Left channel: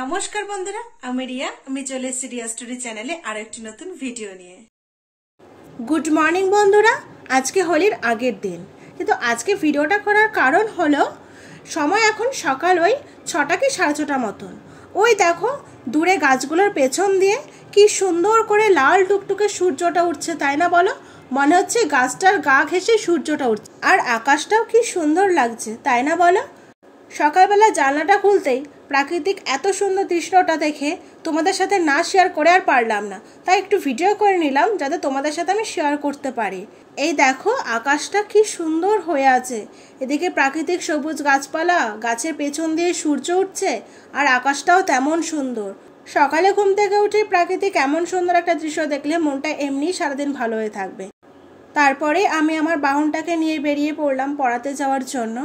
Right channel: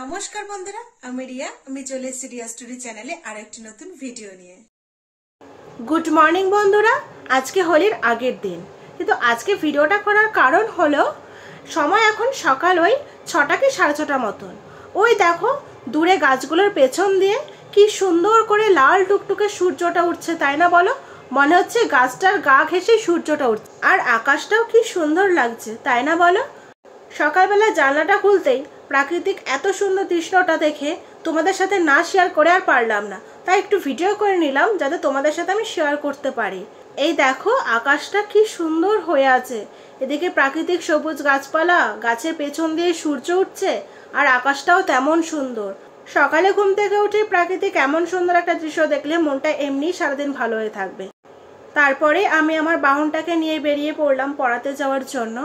নমস্কার বন্ধুরা, আমি রিয়া। আমি চলে এসেছি রিয়া স্টোরি চ্যানেলে আর একটি নতুন ভিডিও নিয়ে। গুড মর্নিং বন্ধুরা। আজকে হোলির আগের দিন, কিন্তু আজকে ভিডিওটা করার কারণ হলো সময় এখন সকাল ওই 6টা কি 6:30 মতন। ওই দেখো দূরে গাছগুলোর পেছন দিয়ে কি সুন্দর করে লাল টুকটুকে সূর্যটা উঠছে, তাই না বলো? মনে হচ্ছে গাছটার গা ঘেঁষে সূর্যটা উঠছে, আর আকাশটাও কি সুন্দর লাগছে, তাই না বলো? সকালবেলা জানলাটা খুলতেই প্রাকৃতিক এত সুন্দর দৃশ্যটা দেখে তোমাদের সাথে না শেয়ার করে আর পারলাম না, তাই একটু ভিডিও করে নিলাম যাতে তোমাদের সাথে আমি শেয়ার করতে পারি। এই দেখো আকাশটা কি সুন্দর হয়ে আছে, এদিকে প্রাকৃতিক সবুজ গাছপালা, গাছের পেছন দিয়ে সূর্য উঠছে, আর আকাশটাও তেমন সুন্দর। সকালে ঘুম থেকে উঠে প্রাকৃতিক এমন সুন্দর একটা দৃশ্য দেখলে মনটা এমনি সারাদিন ভালো হয়ে থাকবে। তারপরে আমি আমার বাহনটাকে নিয়ে বেরিয়ে পড়লাম পড়াতে যাওয়ার জন্য।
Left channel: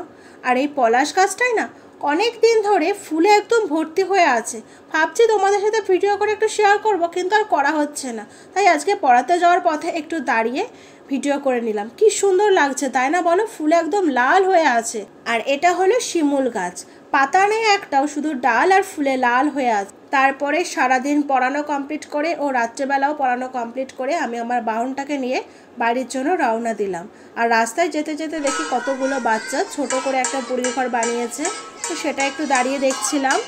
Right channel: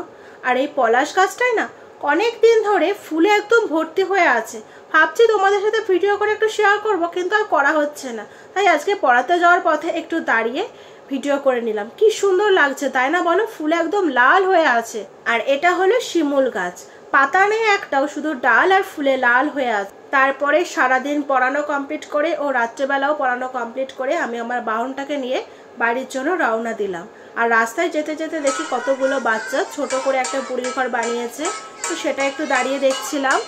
আর এই পলাশ গাছটাই না অনেক দিন ধরে ফুলে একদম ভর্তি হয়ে আছে। ভাবছি তোমাদের সাথে ভিডিও করে একটু শেয়ার করব, কিন্তু আর করা হচ্ছে না, তাই আজকে পড়াতে যাওয়ার পথে একটু দাঁড়িয়ে ভিডিও করে নিলাম। কি সুন্দর লাগছে, তাই না বলো? ফুলে একদম লাল হয়ে আছে। আর এটা হলো শিমুল গাছ, পাতা নেই একটাও, শুধু ডাল আর ফুলে লাল হয়ে আছে। তারপরে সারাদিন পড়ানো কমপ্লিট করে ও রাত্রেবেলাও পড়ানো কমপ্লিট করে আমি আমার বাহনটাকে নিয়ে বাড়ির জন্য রওনা দিলাম। আর রাস্তায় যেতে যেতে দেখি কতগুলো বাচ্চা ছোট করে একটা বুড়ির ঘর বানিয়েছে, তো সেটা একটু দাঁড়িয়ে দেখছিলাম।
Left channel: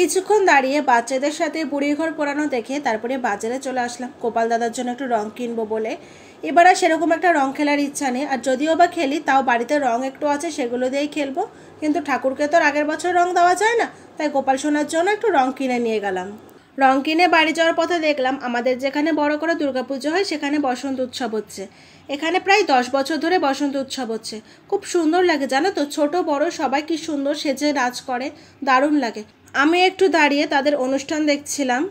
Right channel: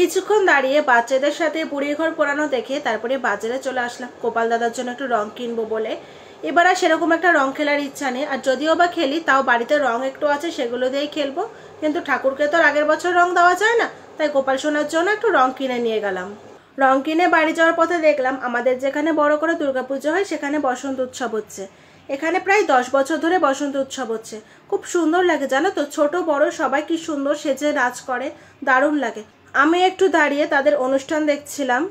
কিছুক্ষণ দাঁড়িয়ে বাচ্চাদের সাথে বুড়ির ঘর পোড়ানো দেখে তারপরে বাজারে চলে আসলাম গোপাল দাদার জন্য একটু রং কিনবো বলে। এবার আর সেরকম একটা রং খেলার ইচ্ছা নেই, আর যদিও বা খেলি তাও বাড়িতে রং একটু আছে, সেগুলো দিয়েই খেলবো। কিন্তু ঠাকুরকে তো আর আগের বছর রং দেওয়া যায় না, তাই গোপাল সোনার জন্য একটু রং কিনে নিয়ে গেলাম। রং কিনে বাড়ি যাওয়ার পথে দেখলাম আমাদের যেখানে বড় করে দুর্গাপুজো হয় সেখানে বসন্ত উৎসব হচ্ছে। এখানে প্রায় 10 বছর ধরে বসন্ত উৎসব হচ্ছে। খুব সুন্দর লাগে জানো তো, ছোট বড় সবাই কি সুন্দর সেজে নাচ করে, দারুণ লাগে। আমি একটু দাঁড়িয়ে তাদের অনুষ্ঠান দেখছিলাম।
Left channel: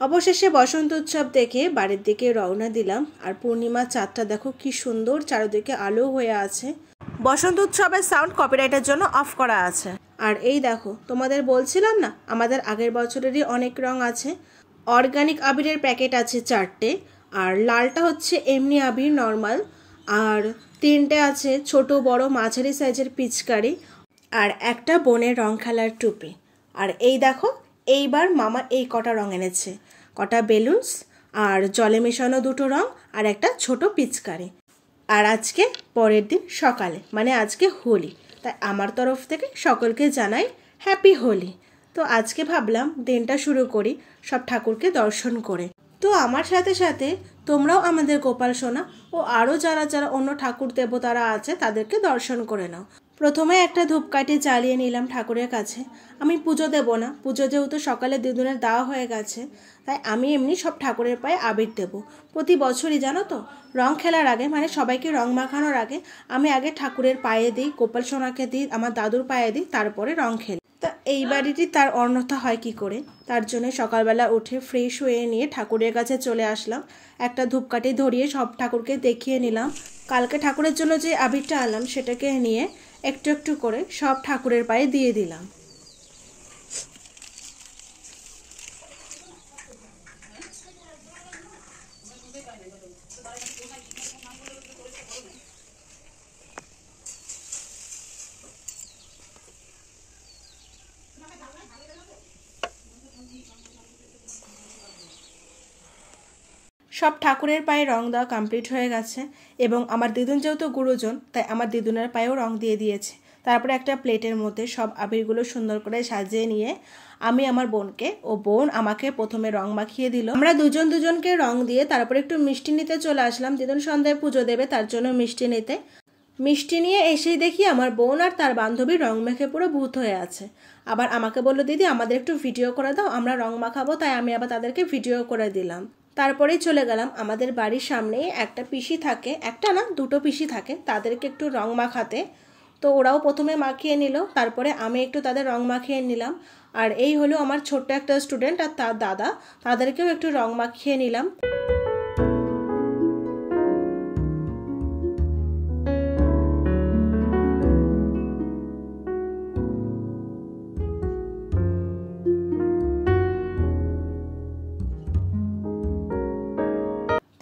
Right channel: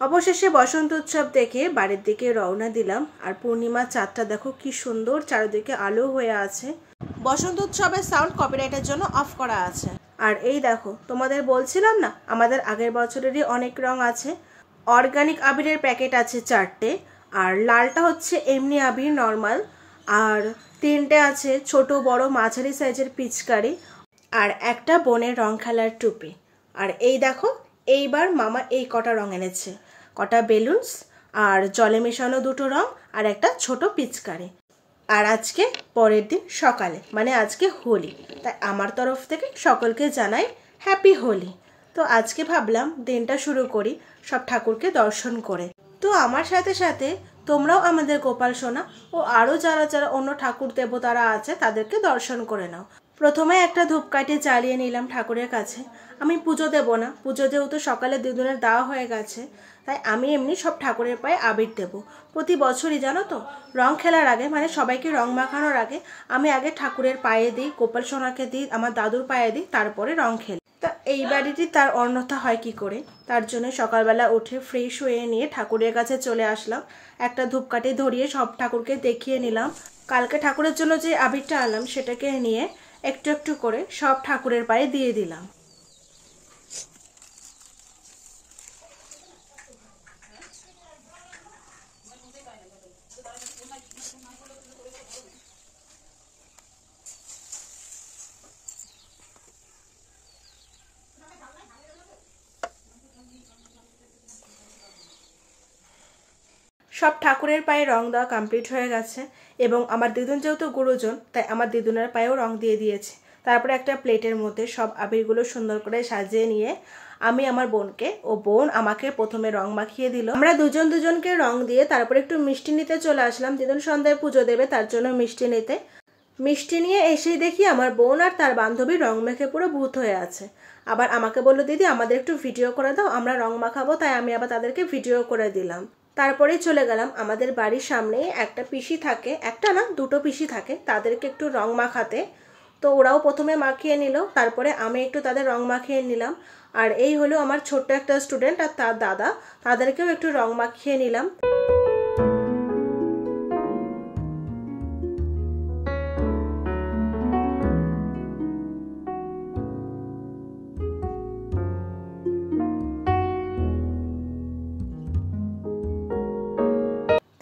অবশেষে বসন্ত উৎসব দেখে বাড়ির দিকে রওনা দিলাম। আর পূর্ণিমার চাঁদটা দেখো কি সুন্দর, চারিদিকে আলো হয়ে আছে। বসন্ত উৎসবের সাউন্ড কপিরাইটের জন্য অফ করা আছে। আর এই দেখো, তোমাদের বলছিলাম না আমাদের আগের বছরেরই অনেক রং আছে। অর্গানিক আবিরের প্যাকেট আছে 4টে, আর লালটা হচ্ছে এমনি আবির নর্মাল, আর 3টে আছে ছোট বড় মাঝারি সাইজের পিচকারি, আর একটা বনের রং খেলার টুপি। আর এই দেখো, এইবার মামা এই কটা রং এনেছে, কটা বেলুনস আর জলে মেশানো 2টো রং আর একটা ছোট পিচকারি। আর আজকে পরের দিন সকালে মানে আজকে হোলি, তাই আমার তরফ থেকে সকলকে জানাই হ্যাপি হোলি। তো আজকে ভাবলাম দিনটা শুরু করি সব ঠাকুরকে দর্শন করে। তো আমার সাথে সাথে তোমরাও আমাদের গোপাল সোনা ও আরও যারা যারা অন্য ঠাকুর দেবতারা আছে তাদেরকে দর্শন করে নাও। প্রথমে একটা ধূপকাঠি জ্বালিয়ে নিলাম ঠাকুরের কাছে। আমি পুজো দেব না, পুজো যেহেতু সকালে দিদুনের দেওয়া হয়ে গেছে, তাই আমি এমনি সব ঠাকুরের পায়ে আবির দেব। প্রতি বছরই জানো তো, রং খেলার আগে মানে সবাইকে রং মাখানোর আগে আমি আগে ঠাকুরের পায়ে দিই, গোপাল সোনাকে দিই, আমার দাদুর পায়ে দিই, তারপরে রং খেলি। তা এই বাড়িটি তার অন্যথা হয় কি করে, তার জন্য সকালবেলা উঠে ফ্রেশ হয়ে নিয়ে ঠাকুরের কাছে চলে আসলাম। একটা ধূপকাঠি ধরিয়ে সব ঠাকুরকে দেখিয়ে নিলাম। কালকে ঠাকুরের জন্য যে আবিরটা আনলাম সেটাকে নিয়ে একটু একটু করে সব ঠাকুরের পায়ে দিয়ে দিলাম। সব ঠাকুরের পায়ে রং দেওয়া কমপ্লিট হয়ে গেছে, এবং আমার দিদুন যেহেতু গুরুজন তাই আমার দিদুনের পায়েও রং দিয়ে দিয়েছে। তারপরে একটা প্লেটের মধ্যে সব আবিরগুলো সুন্দর করে সাজিয়ে নিয়ে আমি আমার বোনকে ও বোন আমাকে প্রথমে রং মাখিয়ে দিল। আমরা দুজন দুজনকে রং দিয়ে তারপরে একটু মিষ্টি নিতে চলে আসলাম। দিদুন সন্ধ্যায় পুজো দেবে তার জন্য মিষ্টি নিতে। মিষ্টি নিয়ে এসেই দেখি আমার বোন আর তার বান্ধবী রং মেখে পুরো ভূত হয়ে আছে। আবার আমাকে বললো, দিদি আমাদের একটু ভিডিও করে দাও, আমরা রং মাখাবো। তাই আমি আবার তাদেরকে ভিডিও করে দিলাম। তারপরেই চলে গেলাম আমাদের বাড়ির সামনে একটা পিসি থাকে, একটা না 2টো পিসি থাকে, তাদেরকে একটু রং মাখাতে। তো ওরাও প্রথমে মাখিয়ে নিল, তারপরে আমি একটু তাদের রং মাখিয়ে নিলাম। আর এই হলো আমার ছোট্ট একটা স্টুডেন্ট আর তার দাদা, তাদেরকেও একটু রং মাখিয়ে নিলাম।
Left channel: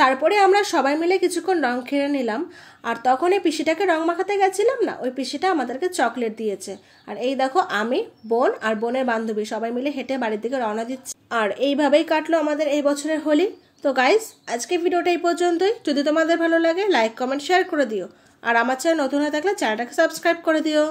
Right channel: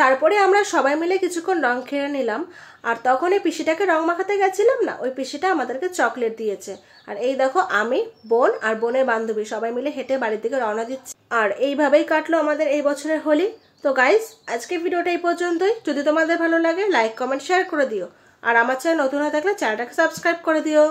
তারপরে আমরা সবাই মিলে কিছুক্ষণ রং খেলে নিলাম। আর তখন এই পিসিটাকে রং মাখাতে গেছিলাম না, ওই পিসিটা আমাদেরকে চকলেট দিয়েছে। আর এই দেখো, আমি, বোন আর বোনের বান্ধবী সবাই মিলে হেঁটে বাড়ির দিকে রওনা দিচ্ছি। আর এইভাবেই কাটলো আমাদের এই বছরের হোলি। তো গাইস, আজকে ভিডিওটা এই পর্যন্তই। যদি তোমাদের ভালো লাগে লাইক কমেন্ট শেয়ার করে দিও, আর আমার চ্যানেল নতুন হয়ে থাকলে চ্যানেলটাকে সাবস্ক্রাইব করে দিও।